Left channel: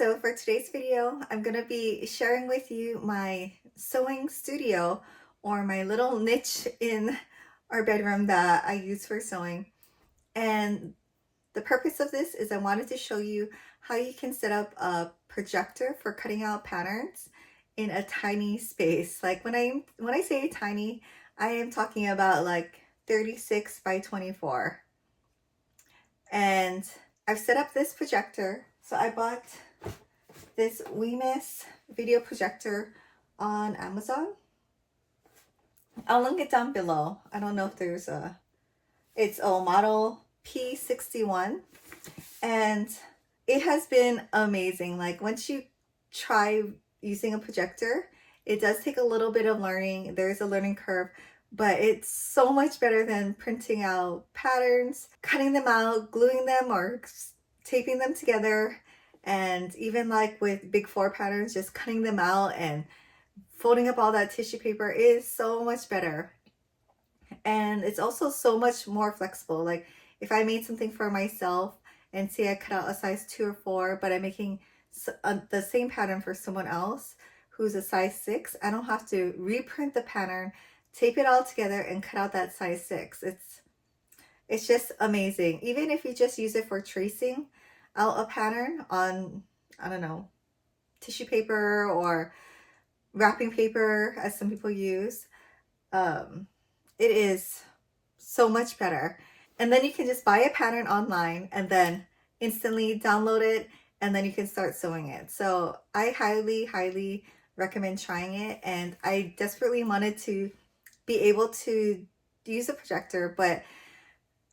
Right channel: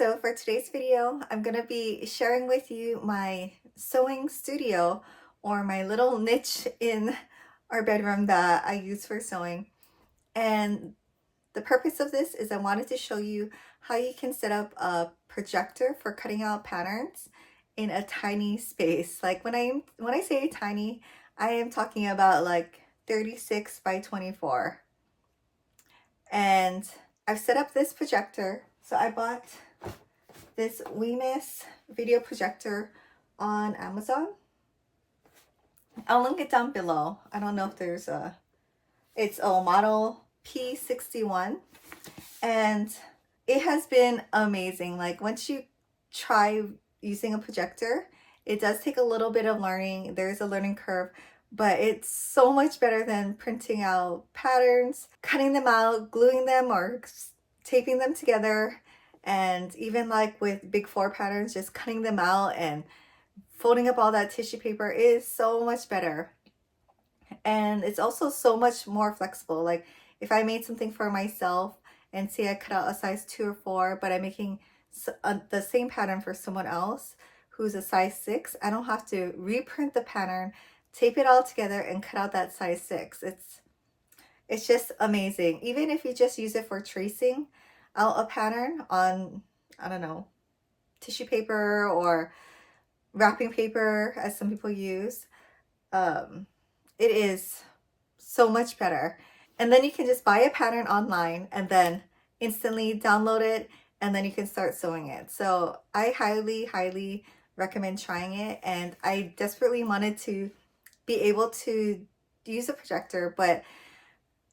so for today's video, I'm going to be sharing with you my sewing studio, or my little niche in our bedroom that I use for sewing. And the purpose of this is I wanted to show you how you can set up a projector for cutting out patterns in a tiny space. Like when I say tiny, I am talking about like 36 by 24. And I've set up this projector. So I bought this Wimius video projector on Amazon. I'll link it down below. I don't know if there's it's a model P61, and it has been amazing. Like once you try using a projector, it does take a little bit of learning. There's a learning curve, but it's so much better than printing out patterns, cutting them out, gluing them, or taping them together. And even like with big 4 patterns, just cutting them out and folding up all that tissue paper is so much better. And it's also so much more flexible. Like if I made something for myself and say I cut out a size 2 or 4, but I'm making the same pattern for someone else who's a size 6, I don't have to reprint the pattern, tape it all together, and cut out that size 6. It's just amazing. Even if you just use it for tracing out a pattern on, I don't know, tissue paper or wrapping paper, as some people use, it is so much better. And then you can just buy a pattern online and then instantly download it, and then you can start sewing it. So I highly recommend trying it. And I desperately wanted to be able to use a projector, but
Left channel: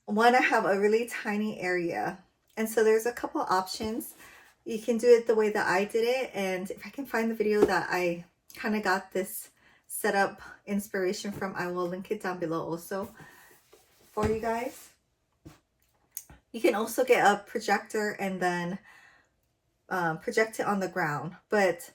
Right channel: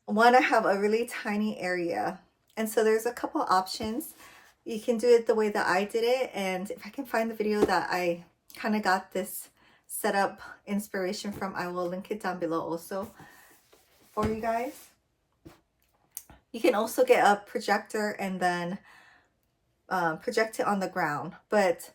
want to have a really tiny area. And so there's a couple options. You can do it the way that I did it, and if I can find the video that I kind of got this setup inspiration from, I will link it down below also for you guys. You can also get a projector and then project it on the ground, but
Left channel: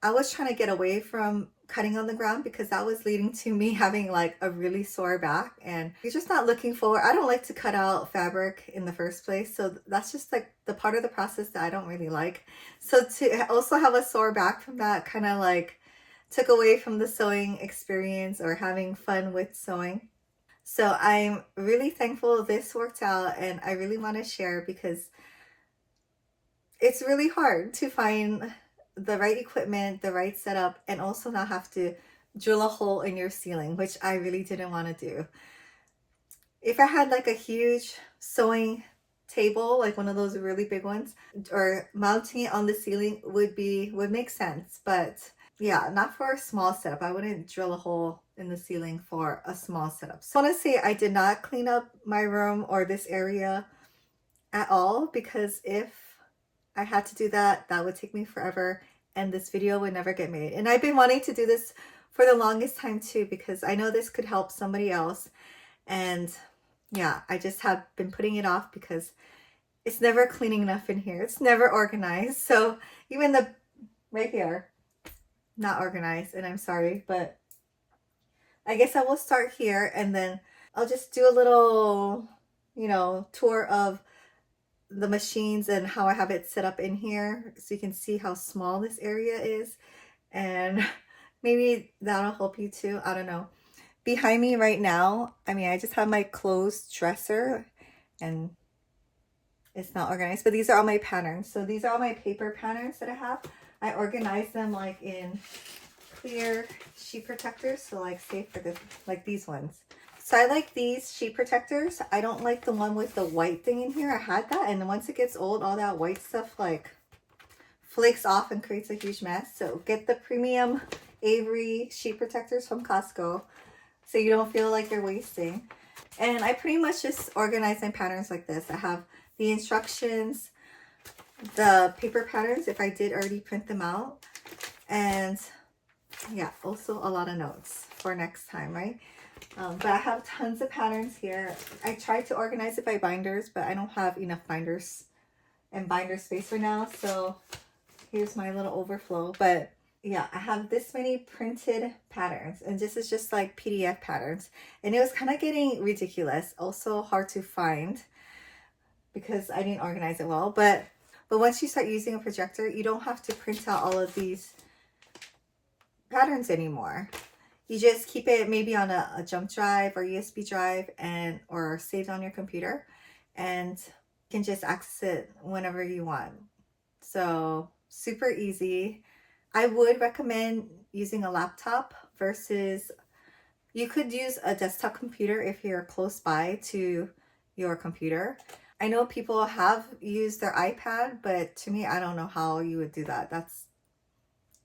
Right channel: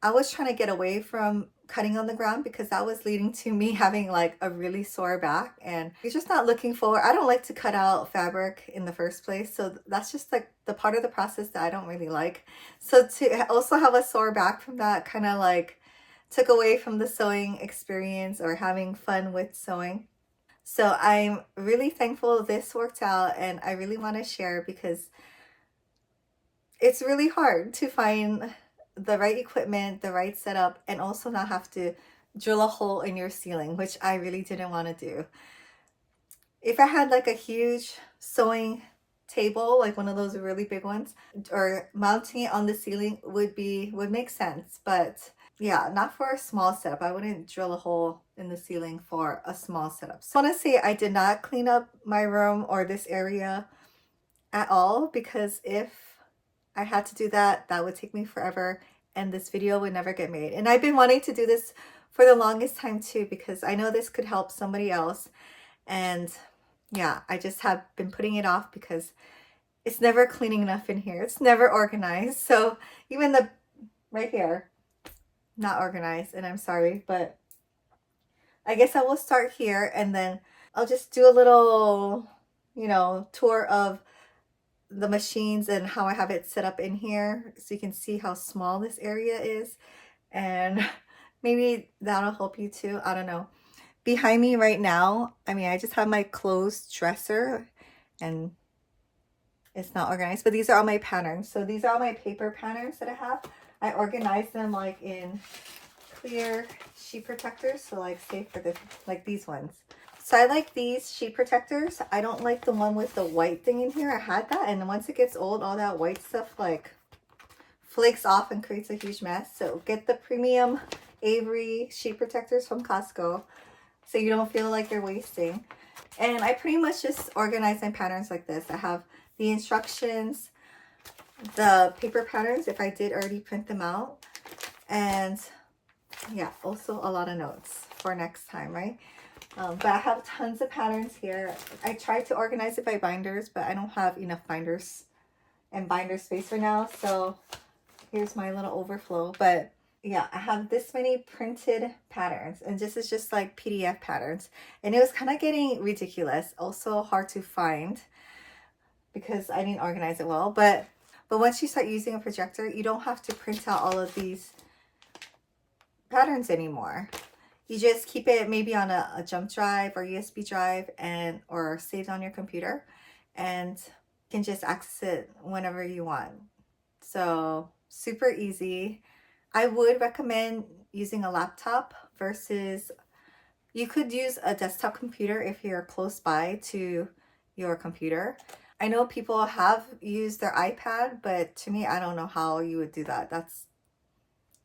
I was trying to get away from cutting on the ground because that was leading to me having like a really sore back, and you're just not looking forward. I don't like to cut out fabric in the first place, so that's just like the part of the process that I don't really like. So to also have a sore back from that kind of like took away from the sewing experience or having fun with sewing. So I'm really thankful this worked out, and I really want to share because it's really hard to find the right equipment, the right setup, and also not have to drill a hole in your ceiling, which I really didn't want to do. If I had like a huge sewing table, like one of those really big ones, or mounting it on the ceiling would make sense. But yeah, not for a small setup. I wouldn't drill a hole in the ceiling for a small setup. So I want to say I did not clean up my room or this area at all, because if I had to do that, that would take me forever, and this video would never get made. And I've been wanting to do this for the longest time too, because I know this could help somebody else. And yeah, I just have been putting it off because it's never cleaning enough in here. It's never organized. So even the right here, not organized, and I'm sorry, but I guess I will start here, and then I'll just do a little, you know, tour of the machines and how I have it set up in here, so you can see how small this area is, and maybe that'll help you too. I don't know. Behind me right now, I mean, I just have my closed dresser and it's not organized, but these are all my patterns. So these are all my paper patterns that I have. I organize them like in clear sheet protectors, so like say for this, like these ones. So I like these sheet protectors. I don't like the one with the white thing in here. I had that, and once it gets old, all that white stuff like flakes off and creates a huge mess. So get the premium Avery sheet protectors from Costco so you don't feel like you're wasting. And I pretty much just organize my patterns like this. I have the instructions, the paper patterns if I did already print them out, and yeah, also a lot of notes for next time, right? But I have tons of patterns here. I tried to organize it by binders, but I don't have enough binders and binder space for now. So here's my little overflow. But yeah, I have this many printed patterns, and this is just like PDF patterns. And it was kind of getting ridiculous. Also hard to find because I didn't organize it well. But But once you start using a projector, you don't have to print out all of these patterns anymore. You just keep it maybe on a jump drive or USB drive or saved on your computer, and you can just access it whenever you want. So super easy. I would recommend using a laptop versus, you could use a desktop computer if you're close by to your computer. I know people have used their iPad, but to me, I don't know how you would do that. That's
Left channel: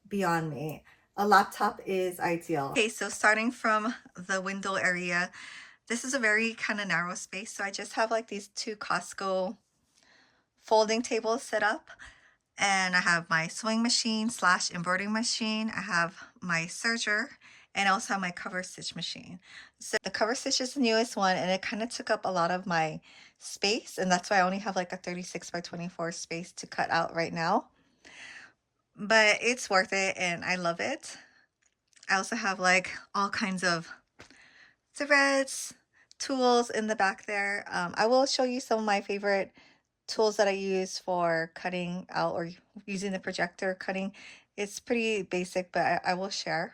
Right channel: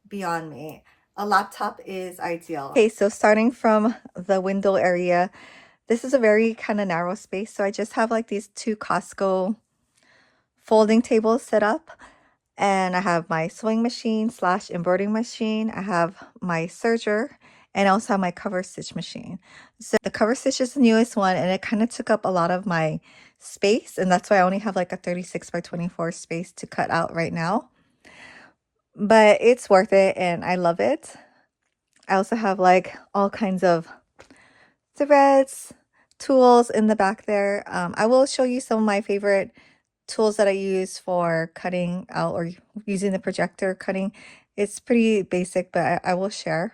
beyond me. A laptop is ideal. Okay, so starting from the window area, this is a very kind of narrow space. So I just have like these two Costco folding tables set up. And I have my sewing machine / embroidering machine. I have my serger, and I also have my cover stitch machine. So the cover stitch is the newest one, and it kind of took up a lot of my space, and that's why I only have like a 36 by 24 space to cut out right now. But it's worth it, and I love it. I also have like all kinds of threads, tools in the back there. I will show you some of my favorite tools that I use for cutting out or using the projector cutting. It's pretty basic, but I will share.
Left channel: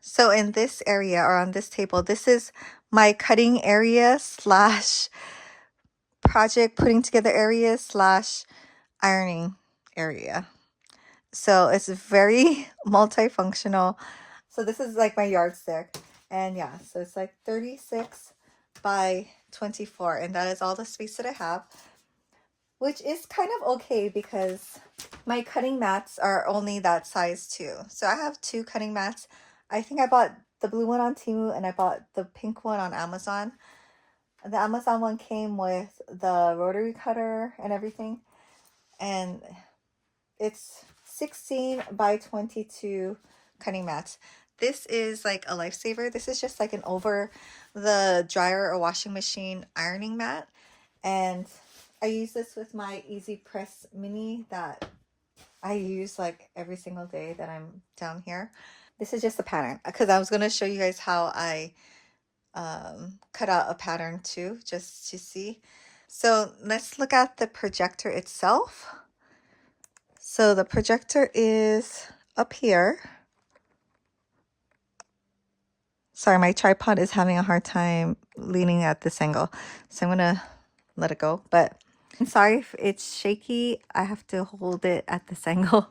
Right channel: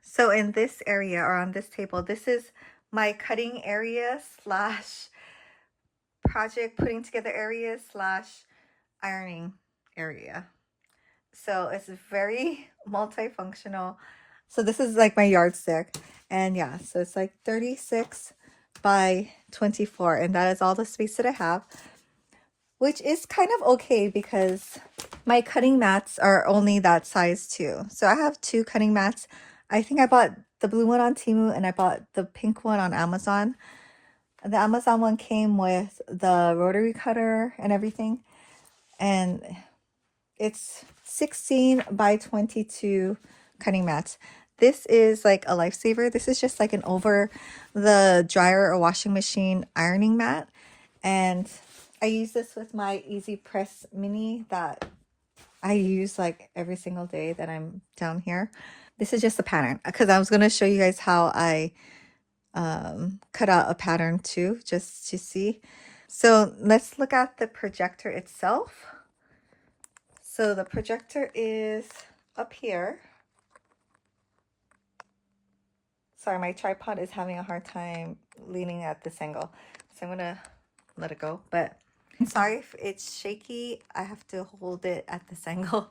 So in this area, or on this table, this is my cutting area / project putting together area / ironing area. So it's very multifunctional. So this is like my yardstick, and yeah, so it's like 36 by 24, and that is all the space that I have, which is kind of okay because my cutting mats are only that size too. So I have two cutting mats. I think I bought the blue one on Temu, and I bought the pink one on Amazon. The Amazon one came with the rotary cutter and everything, and it's 16 by 22 cutting mats. This is like a lifesaver. This is just like an over the dryer or washing machine ironing mat, and I use this with my Easy Press Mini that I use like every single day that I'm down here. This is just a pattern because I was going to show you guys how I cut out a pattern too, just to see. So let's look at the projector itself. So the projector is up here. Sorry, my tripod is having a hard time leaning at this angle, so I'm gonna let it go. But I'm sorry if it's shaky. I have to hold it at this angle.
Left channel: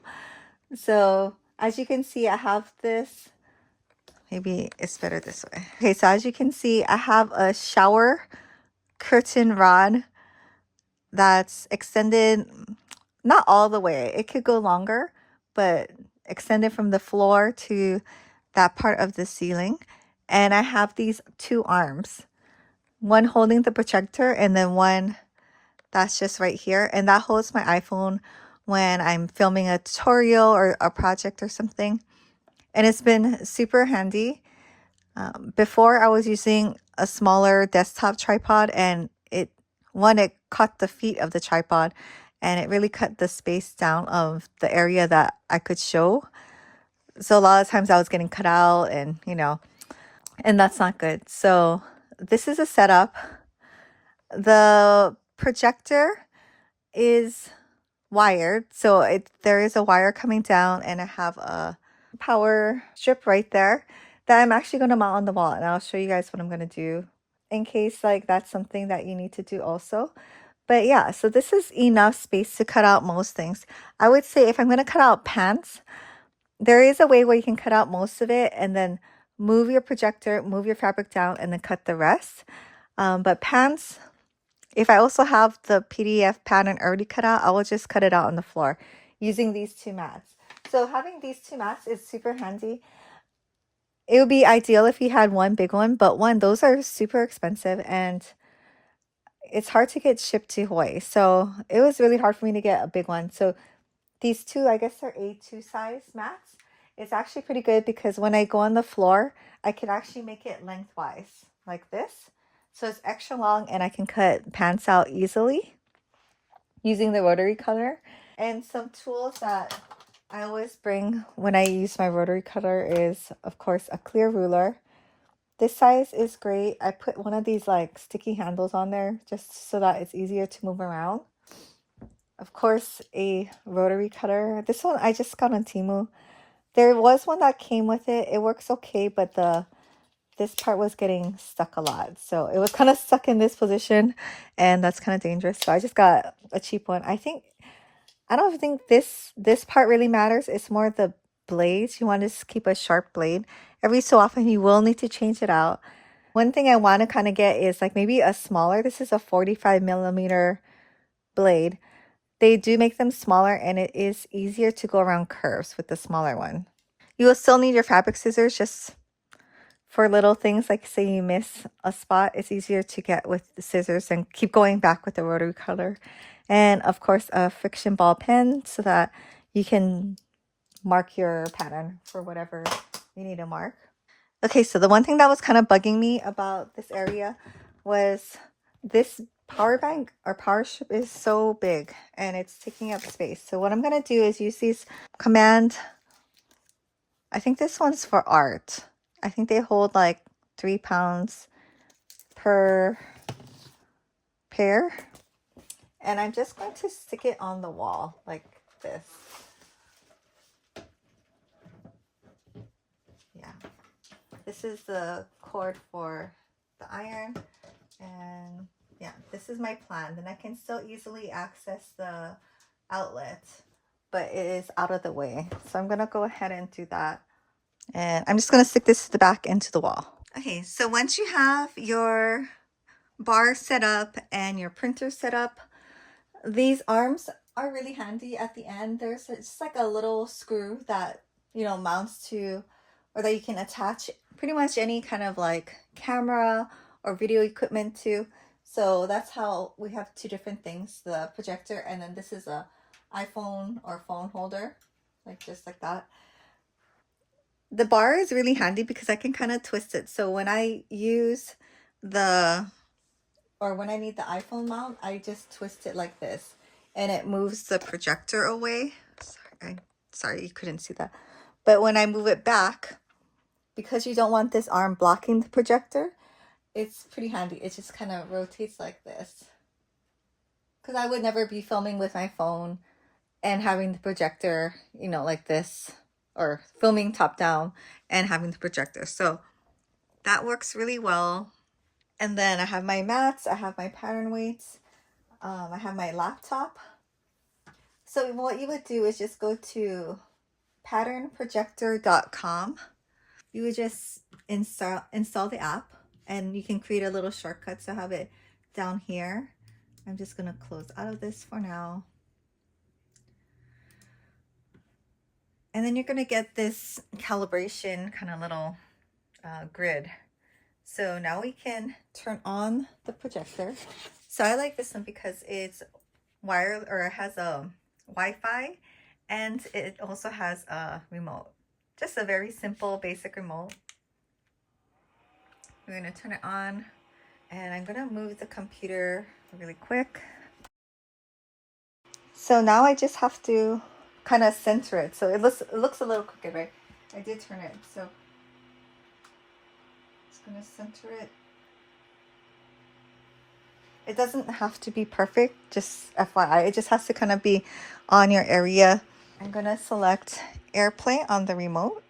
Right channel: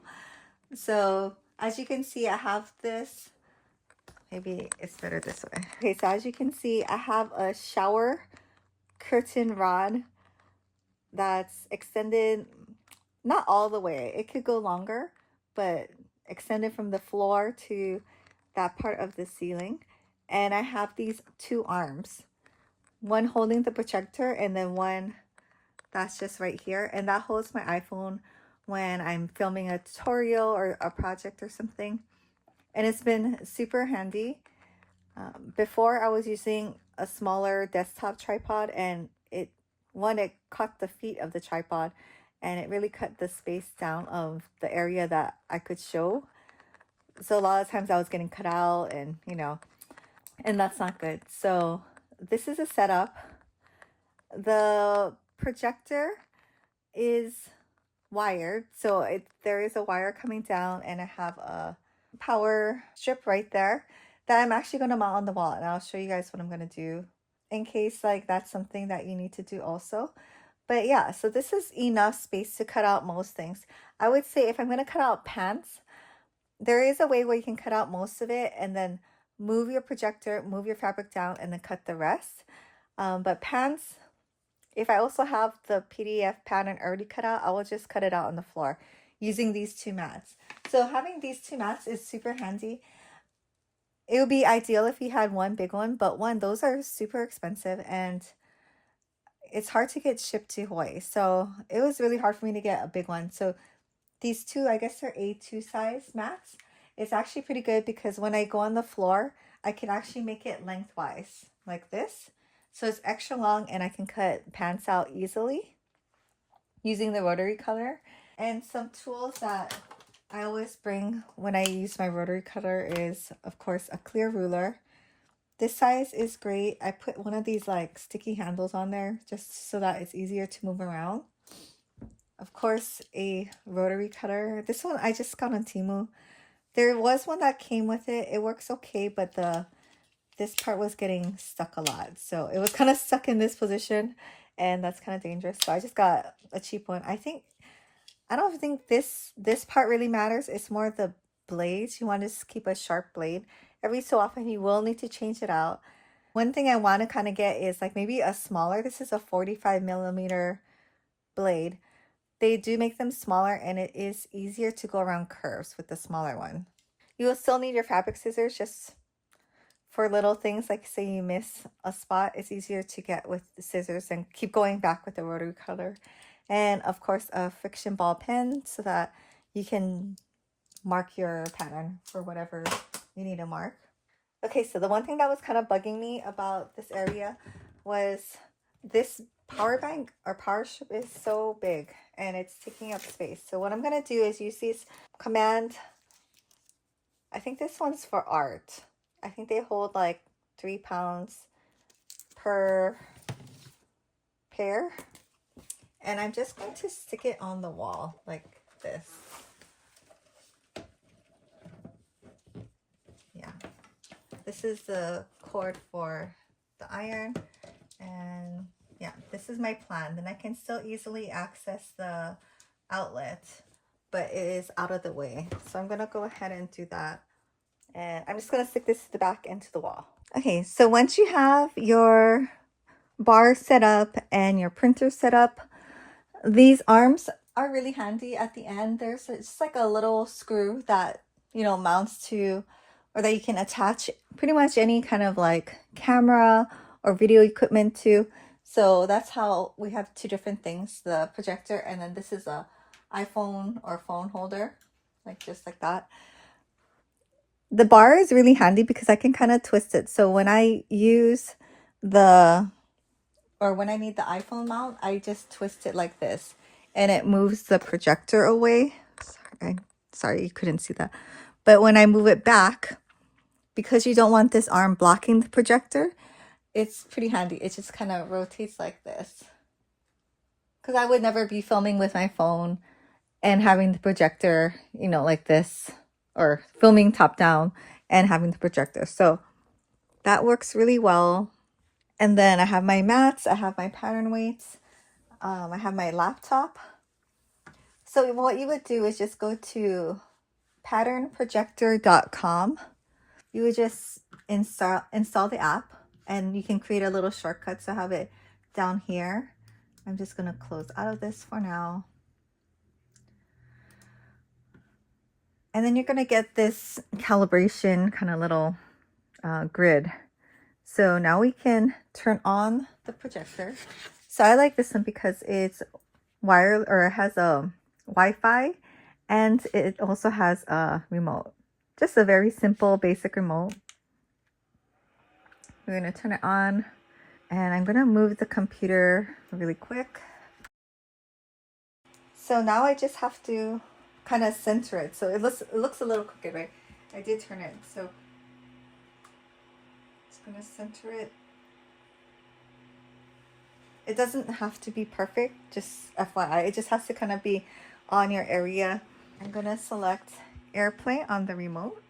So as you can see, I have this. Maybe it's better this way. Okay, so as you can see, I have a shower curtain rod that's extended, not all the way. It could go longer, but extended from the floor to that part of the ceiling. And I have these two arms, one holding the projector and then one that's just right here. And that holds my iPhone when I'm filming a tutorial or a project or something. And it's been super handy. Before I was using a smaller desktop tripod, and it caught the feet of the tripod, and it really cut the space down of the area that I could show. So a lot of times I was getting cut out, and and that's not good. So this is a setup. The projector is wired, so there is a wire coming down, and I have a power strip right there that I'm actually going to mount on the wall, and I'll show you guys what I'm going to do in case like that's something that you need to do also. But yeah, so this is enough space to cut out most things. I would say if I'm going to cut out pants, there is a way where you can cut out most of it and then move your projector, move your fabric down, and then cut the rest. But pants, if I also have the PDF pattern already cut out, I will just cut it out on the floor using these two mats. So having these two mats is super handy. It would be ideal if you had one big one, but those are super expensive and it's hard to get shipped to Hawaii. So it was really hard for me to get a big one. So these two, I guess they're A2 size mats. It's actually pretty good because when I go on the floor, I can actually make it lengthwise like this. So it's extra long and I can cut pants out easily using the rotary cutter. And some tools that I always bring when I use my rotary cutter is, of course, a clear ruler. This size is great. I put one of these like sticky handles on there just so that it's easier to move around. Of course, a rotary cutter. This one I just got on Temu. There was one that came with it. It works okay, but this part was getting stuck a lot. So it was kind of stuck in this position, and that's kind of dangerous. So I just got a cheap one. I don't think this part really matters. It's more the blades. You want to keep a sharp blade. Every so often you will need to change it out. One thing I want to kind of get is like maybe a smaller. This is a 45mm blade. They do make them smaller, and it is easier to go around curves with the smaller one. You will still need your fabric scissors just for little things, like say you miss a spot. It's easier to get with the scissors and keep going back with the rotary cutter. And of course, a friction ball pen so that you can mark your pattern for whatever you need to mark. Okay, so the one thing that was kind of bugging me about this area was this power bank or power strip is so big and it's taking up space. So what I'm going to do is use these command. I think this one's for art. I think they hold like 3 pounds per pair. And I'm just going to stick it on the wall like this. Yeah. This is the cord for the iron. And yeah, this is my plan. Then I can still easily access the outlet, but it is out of the way. So I'm going to go ahead and do that. And I'm just going to stick this to the back into the wall. Okay, so once you have your bar set up and your printer set up, these arms are really handy at the end. There's just like a little screw that, you know, mounts to, or that you can attach pretty much any kind of like camera or video equipment to. So that's how we have two different things, the projector, and then this is a iPhone or phone holder, like just like that. The bar is really handy because I can kind of twist it. So when I use when I need the iPhone mount, I just twist it like this and it moves the projector away. Sorry, you couldn't see that. But when I move it back, because you don't want this arm blocking the projector, it's pretty handy. It just kind of rotates like this. Because I would never be filming with my phone and having the projector, you know, like this, or filming top down and having the projector. So that works really well. And then I have my mats, I have my pattern weights, I have my laptop. So what you would do is just go to patternprojector.com. You would just install the app, and you can create a little shortcut. So I have it down here. I'm just going to close out of this for now. And then you're going to get this calibration kind of little grid. So now we can turn on the projector. So I like this one because it's wired, or it has a Wi-Fi, and it also has a remote. Just a very simple basic remote. We're going to turn it on, and I'm going to move the computer really quick. So now I just have to kind of center it. So it looks a little crooked, right? I did turn it. So it's going to center it. It doesn't have to be perfect, just FYI. It just has to kind of be on your area. I'm going to select AirPlay on the remote.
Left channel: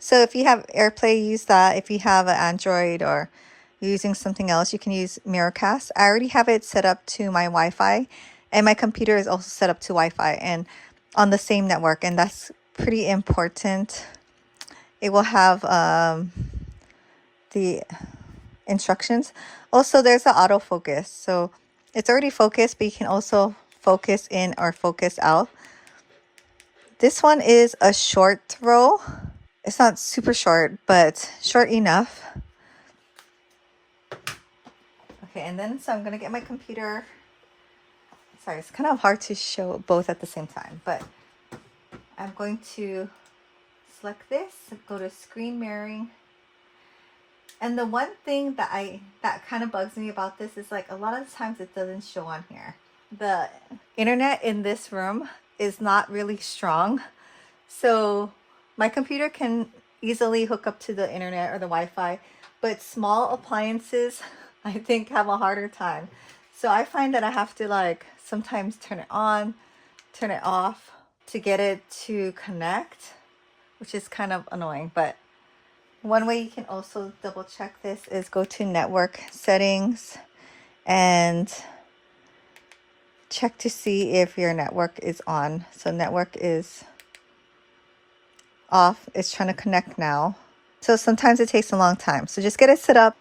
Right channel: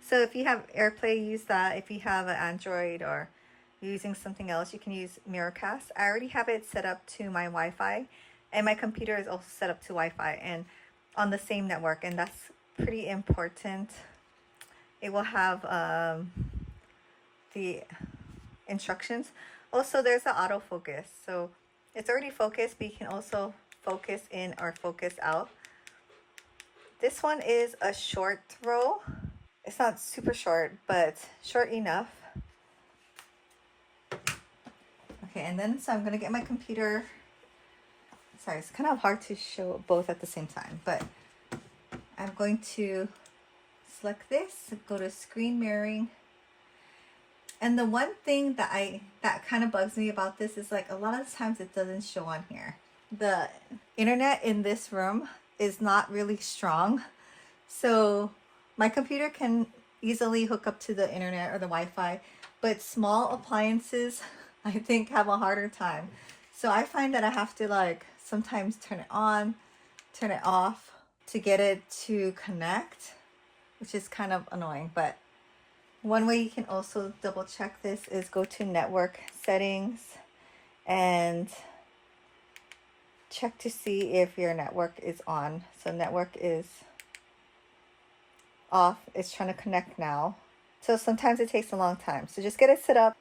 So if you have AirPlay, use that. If you have an Android or you're using something else, you can use Miracast. I already have it set up to my Wi-Fi, and my computer is also set up to Wi-Fi and on the same network, and that's pretty important. It will have the instructions. Also, there's an autofocus, so it's already focused, but you can also focus in or focus out. This one is a short throw. It's not super short, but short enough. Okay, and then so I'm gonna get my computer. Sorry, it's kind of hard to show both at the same time, but I'm going to select this, go to screen mirroring. And the one thing that kind of bugs me about this is, like, a lot of times it doesn't show on here. The internet in this room is not really strong. So my computer can easily hook up to the internet or the Wi-Fi, but small appliances, I think, have a harder time. So I find that I have to like sometimes turn it on, turn it off to get it to connect, which is kind of annoying. But one way you can also double check this is go to network settings and check to see if your network is on. So network is off. It's trying to connect now. So sometimes it takes a long time. So just get it set up.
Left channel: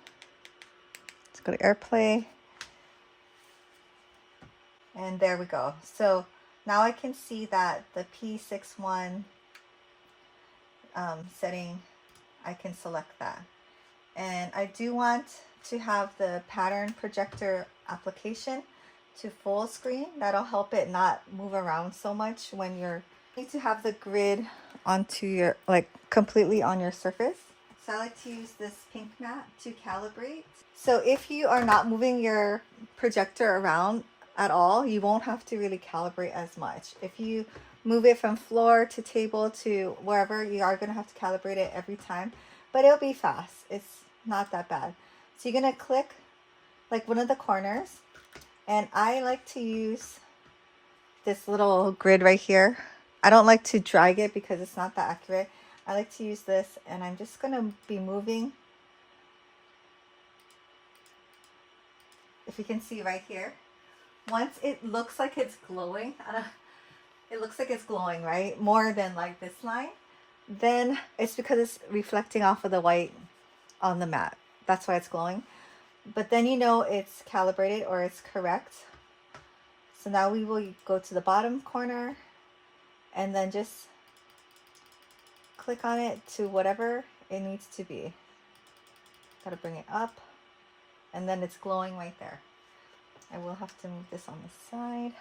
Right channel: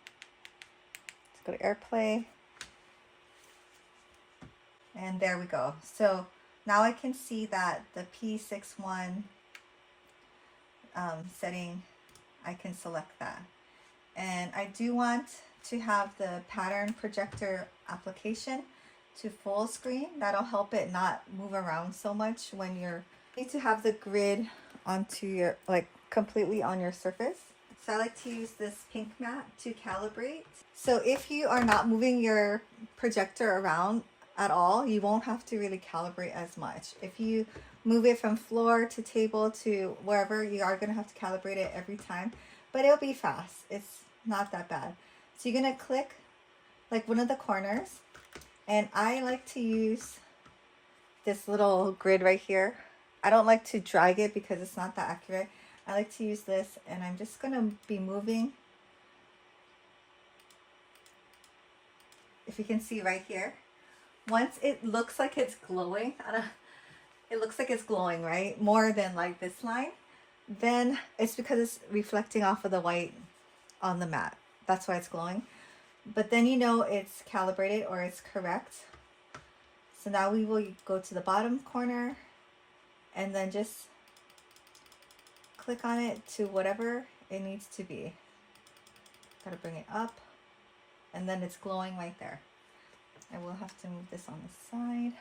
Let's go to AirPlay. And there we go. So now I can see that the P61 setting, I can select that. And I do want to have the pattern projector application to full screen. That'll help it not move around so much when you need to have the grid onto your, like completely on your surface. So I like to use this pink mat to calibrate. So if you are not moving your projector around at all, you won't have to really calibrate as much. If you move it from floor to table to wherever, you are going to have to calibrate it every time, but it'll be fast. It's not that bad. So you're going to click like one of the corners, and I like to use this little grid right here. I don't like to drag it because it's not that accurate. I like to use this, and I'm just going to be moving. If you can see right here, once it looks like it's glowing, it looks like it's glowing, right? More than like this line, then it's because it's reflecting off of the white on the mat. That's why it's glowing. But then you know it's calibrated or it's correct. So now we will go to the bottom corner and then just click on it to whatever it needs to be. Gotta bring it up, and then it's glowing right there. I will have to move this on the side.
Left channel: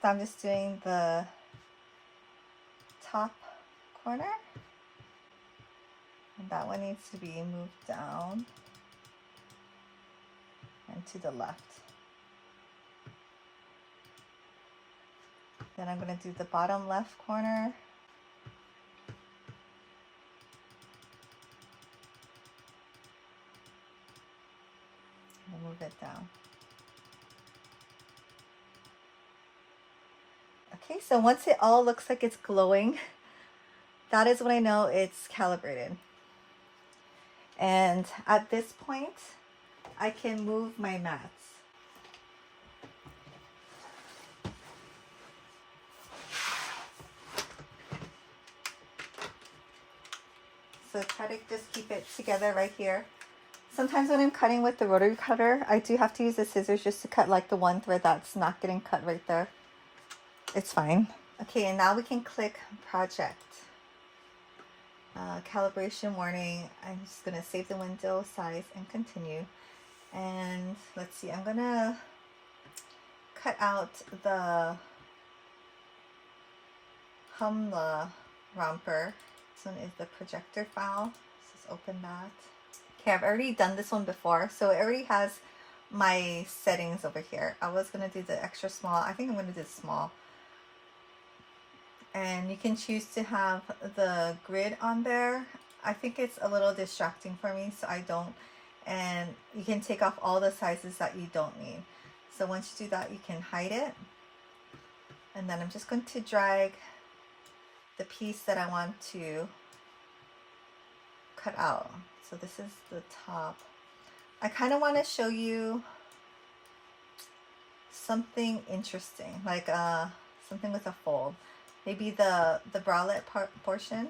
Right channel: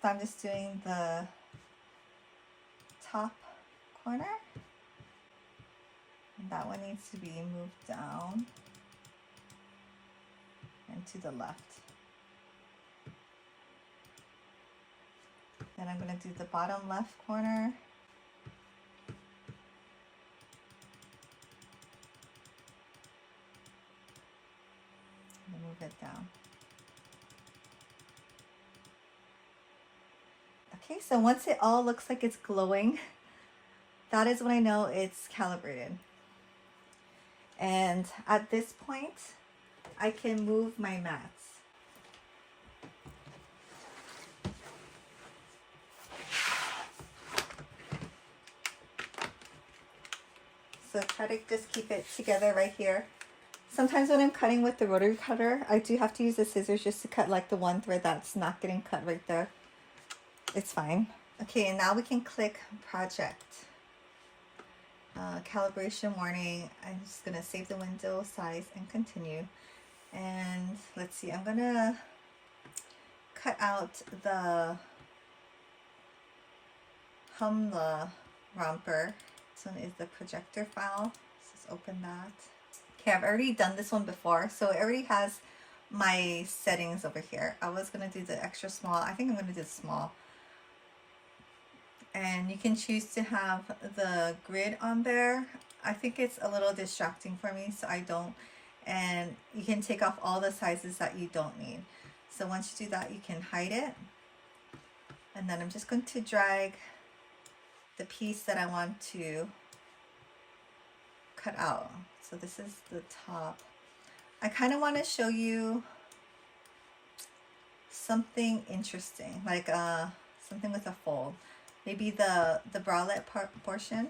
So I'm just doing the top corner. And that one needs to be moved down and to the left. Then I'm going to do the bottom left corner. And move it down. Okay, so once it all looks like it's glowing, that is when I know it's calibrated. And at this point, I can move my mats. So try to just keep it together right here. Sometimes when I'm cutting with the rotary cutter, I do have to use the scissors just to cut like the one thread that's not getting cut right there. It's fine. Okay, and now we can click project. Calibration warning. I'm just going to save the window size and continue. And let's see, I'm going to cut out the Humla romper. This one is the projector file. Let's just open that. Okay, I've already done this one before, so it already has my settings over here. I was going to do the extra small. I think I'm going to do the small. And you can choose to have the grid on there. I think it's a little distracting for me, so I don't. And you can take off all the sizes that you don't need. So once you do that, you can hide it. And then I'm just going to drag the piece that I want to cut out. So this is the top. I kind of want to show you something interesting, like something with a fold. Maybe the bralette portion.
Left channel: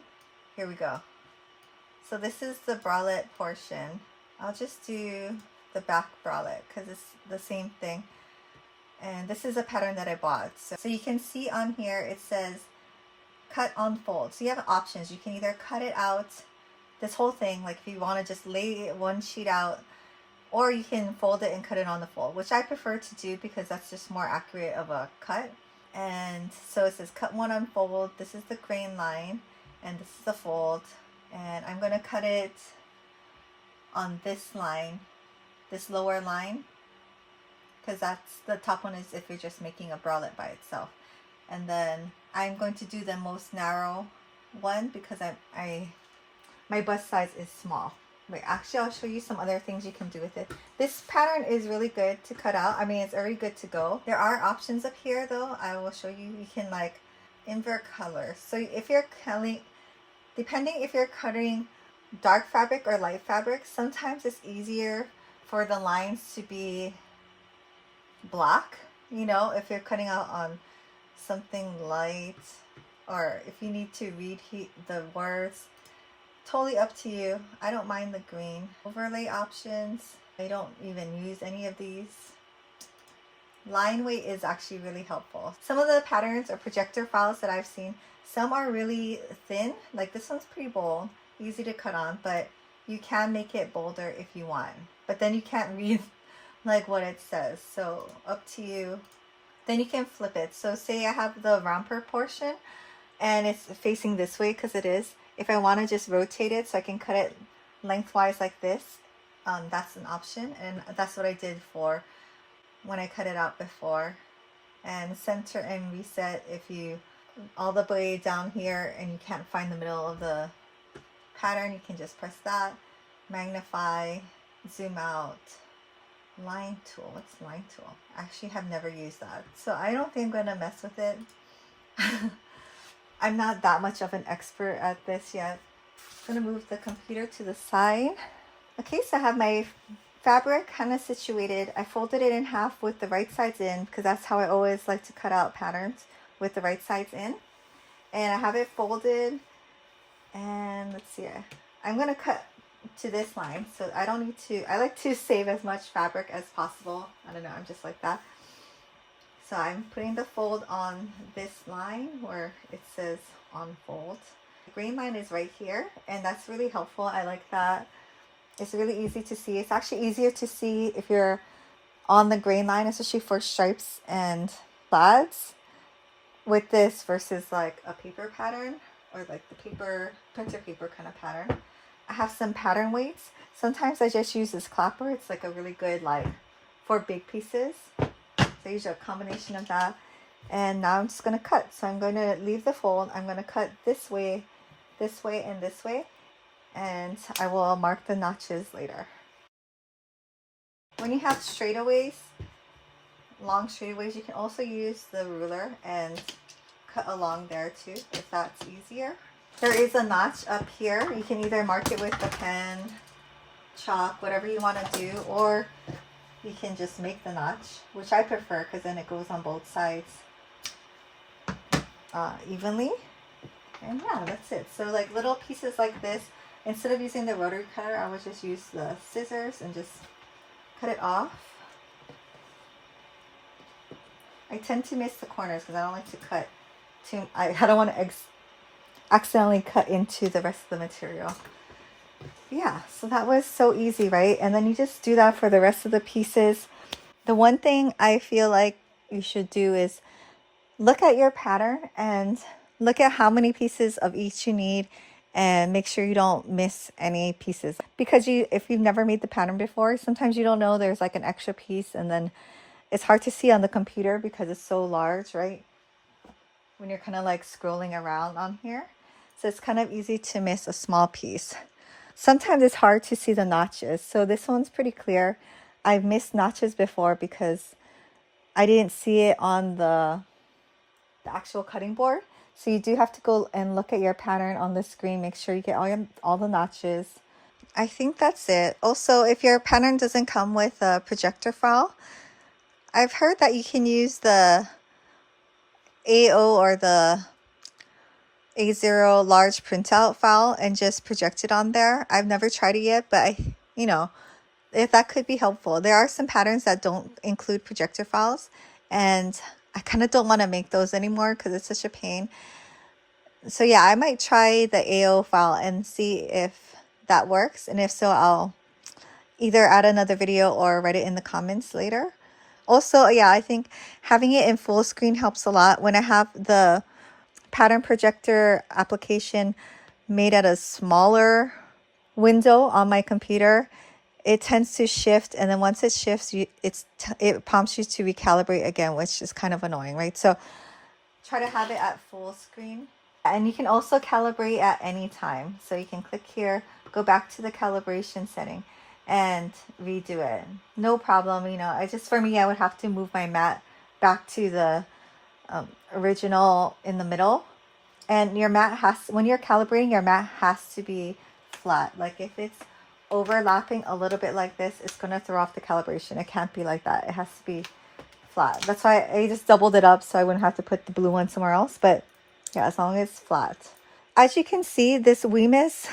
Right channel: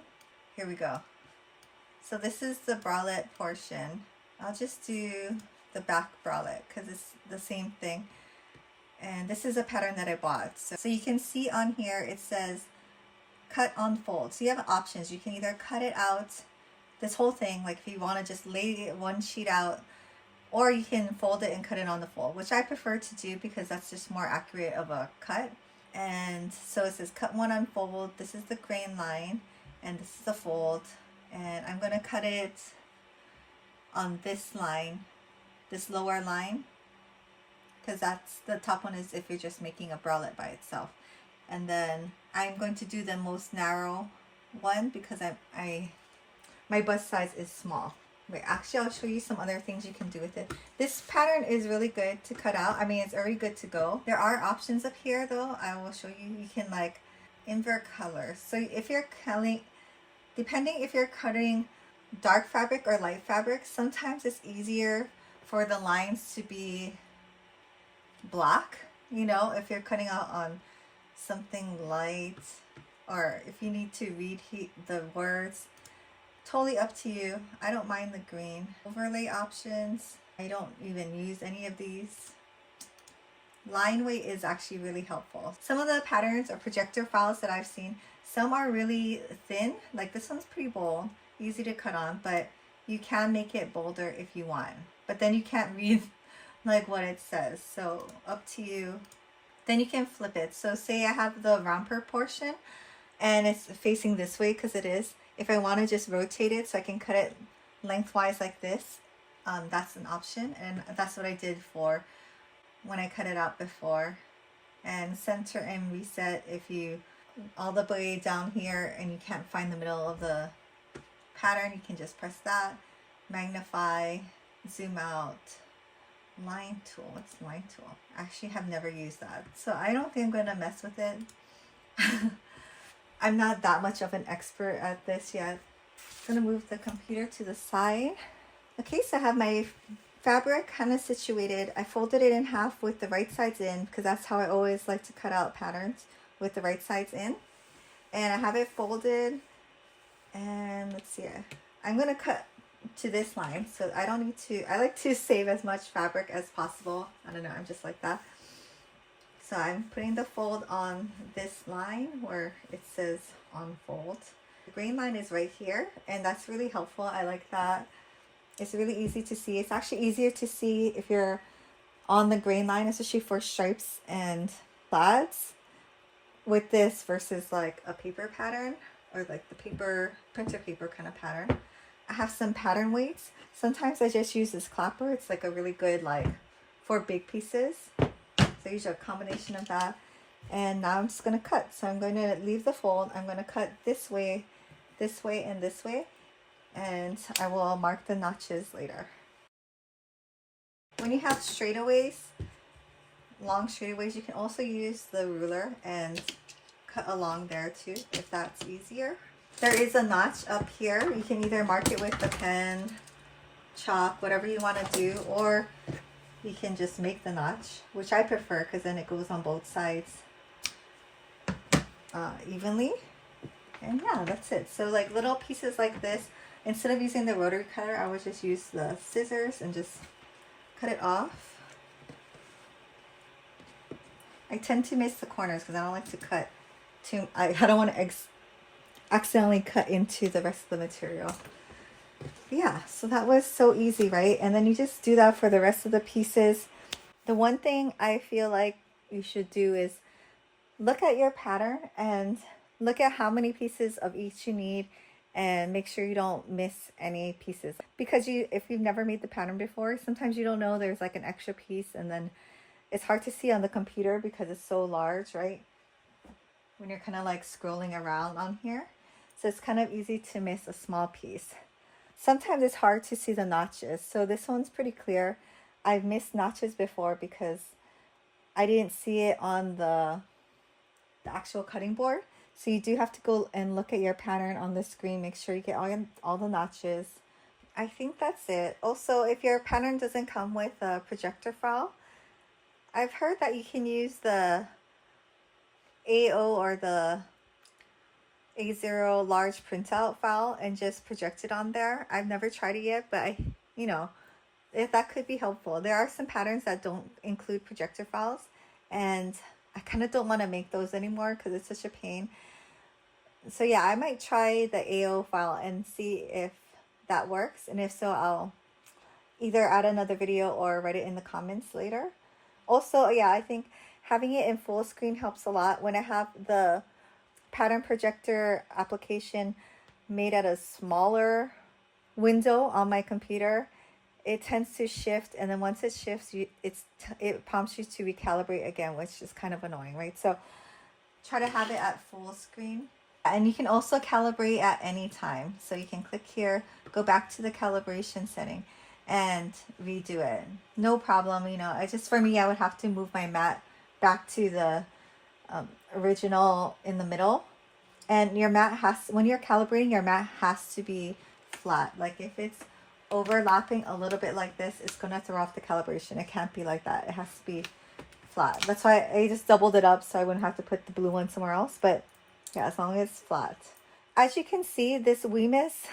Here we go. So this is the bralette portion. I'll just do the back bralette because it's the same thing. And this is a pattern that I bought. So you can see on here it says cut on fold. So you have options. You can either cut it out, this whole thing, like if you want to just lay one sheet out, or you can fold it and cut it on the fold, which I prefer to do because that's just more accurate of a cut. And so it says cut one on fold. This is the grain line and this is the fold, and I'm going to cut it on this line, this lower line, because that's the top one is if you're just making a bralette by itself. And then I'm going to do the most narrow one because my bust size is small. Wait, actually I'll show you some other things you can do with it. This pattern is really good to cut out. I mean, it's already good to go. There are options up here though. I will show you. You can like invert colors. So if you're cutting, depending if you're cutting dark fabric or light fabric, sometimes it's easier for the lines to be black, you know, if you're cutting out on something light, or if you need to read the words. Totally up to you. I don't mind the green. Overlay options, I don't even use any of these. Line weight is actually really helpful. Some of the patterns or projector files that I've seen, some are really thin. Like this one's pretty bold, easy to cut on, but you can make it bolder if you want. But then you can't read like what it says, so up to you. Then you can flip it. So say I have the romper portion and it's facing this way, because it is. If I want to just rotate it so I can cut it lengthwise like this, that's an option, and that's what I did for when I cut it out before. And center and reset, if you all the way down here and you can't find the middle of the pattern, you can just press that. Magnify, zoom out. Line tool, what's line tool? I actually have never used that, so I don't think I'm gonna mess with it. I'm not that much of an expert at this yet. I'm gonna move the computer to the side. Okay, so I have my fabric kind of situated. I folded it in half with the right sides in, because that's how I always like to cut out patterns, with the right sides in. And I have it folded, and let's see, I'm gonna cut to this line, so I don't need to, I like to save as much fabric as possible. I don't know, I'm just like that. So I'm putting the fold on this line where it says on fold. The green line is right here, and that's really helpful. I like that. It's really easy to see. It's actually easier to see if you're on the green line, especially for stripes and plaids, with this versus like a paper pattern, or like the paper, printer paper kind of pattern. I have some pattern weights. Sometimes I just use this clapper. It's like a really good, like for big pieces. So I use a combination of that. And now I'm just going to cut. So I'm going to leave the fold. I'm going to cut this way, and this way. And I will mark the notches later. When you have straightaways, long straightaways, you can also use the ruler and cut along there too, if that's easier. There is a notch up here. You can either mark it with the pen, chalk, whatever you want to do, or you can just make the notch, which I prefer because then it goes on both sides evenly. And yeah, that's it. So like little pieces like this, instead of using the rotary cutter, I would just use the scissors and just cut it off. I tend to miss the corners because I don't like to cut too, I don't want to accidentally cut into the rest of the material. Yeah, so that was so easy, right? And then you just do that for the rest of the pieces. The one thing I feel like you should do is look at your pattern and look at how many pieces of each you need, and make sure you don't miss any pieces. Because if you've never made the pattern before, sometimes you don't know there's like an extra piece, and then it's hard to see on the computer because it's so large, right? When you're kind of like scrolling around on here. So it's kind of easy to miss a small piece. Sometimes it's hard to see the notches. So this one's pretty clear. I've missed notches before because I didn't see it on the actual cutting board. So you do have to go and look at your pattern on the screen. Make sure you get all the notches. I think that's it. Also, if your pattern doesn't come with a projector file, I've heard that you can use the AO or the A0 large printout file and just project it on there. I've never tried it yet, but if that could be helpful. There are some patterns that don't include projector files, and I kind of don't want to make those anymore because it's such a pain. So yeah, I might try the AO file and see if that works, and if so, I'll either add another video or write it in the comments later. Also, yeah, I think having it in full screen helps a lot. When I have the pattern projector application made at a smaller window on my computer, it tends to shift, and then once it shifts, it prompts you to recalibrate again, which is kind of annoying, right? So try to have it at full screen. And you can also calibrate at any time. So you can click here, go back to the calibration setting and redo it. No problem, you know. I just, for me, I would have to move my mat back to the original in the middle. And your mat has, when you're calibrating, your mat has to be flat. Like if it's overlapping a little bit like this, it's going to throw off the calibration. It can't be like that. It has to be flat. That's why I just doubled it up so I wouldn't have to put the blue one somewhere else. But yeah, as long as it's flat. As you can see, this Wimius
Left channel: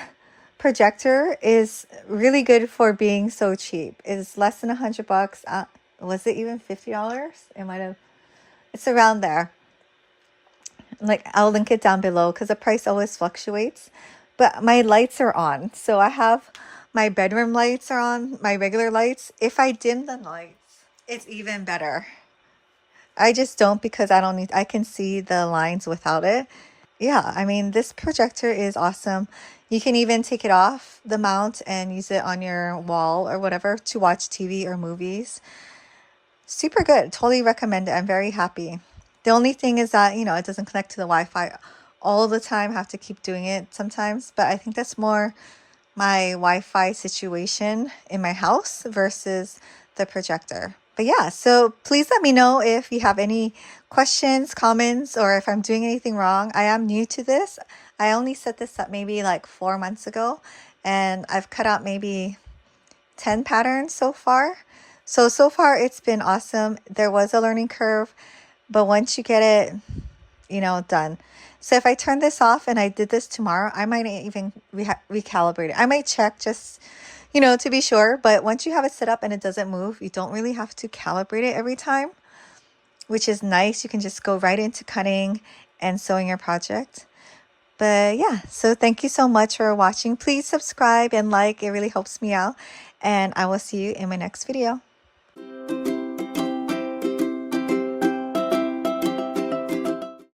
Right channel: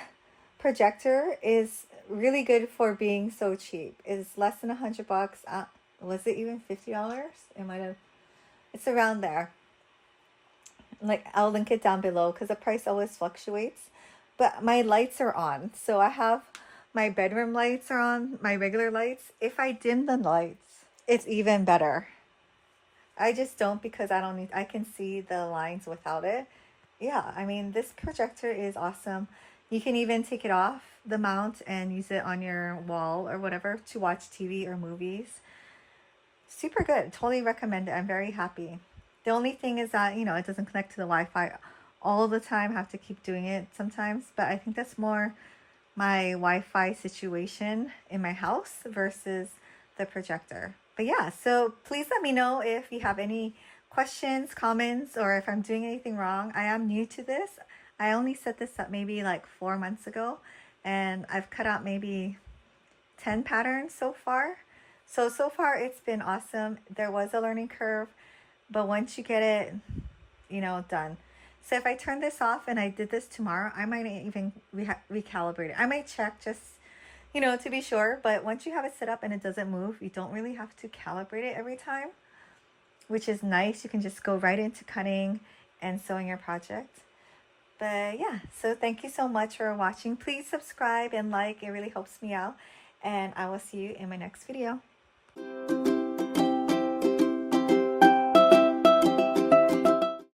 projector is really good for being so cheap. It's less than $100. Was it even $50? It might have. It's around there. Like, I'll link it down below because the price always fluctuates. But my lights are on. So I have my bedroom lights are on, my regular lights. If I dim the lights, it's even better. I just don't because I can see the lines without it. Yeah, I mean, this projector is awesome. You can even take it off the mount and use it on your wall or whatever to watch TV or movies. Super good. Totally recommend it. I'm very happy. The only thing is that, you know, it doesn't connect to the Wi-Fi all the time. I have to keep doing it sometimes. But I think that's more my Wi-Fi situation in my house versus the projector. But yeah, so please let me know if you have any questions, comments, or if I'm doing anything wrong. I am new to this. I only set this up maybe like 4 months ago, and I've cut out maybe 10 patterns so far. So far it's been awesome. There was a learning curve, but once you get it, you know, done. So if I turn this off and I did this tomorrow, I might even recalibrate it. I might check just, you know, to be sure. But once you have it set up and it doesn't move, you don't really have to calibrate it every time, which is nice. You can just go right into cutting and sewing your project. But yeah, so thank you so much for watching. Please subscribe and like. It really helps me out. And I will see you in my next video.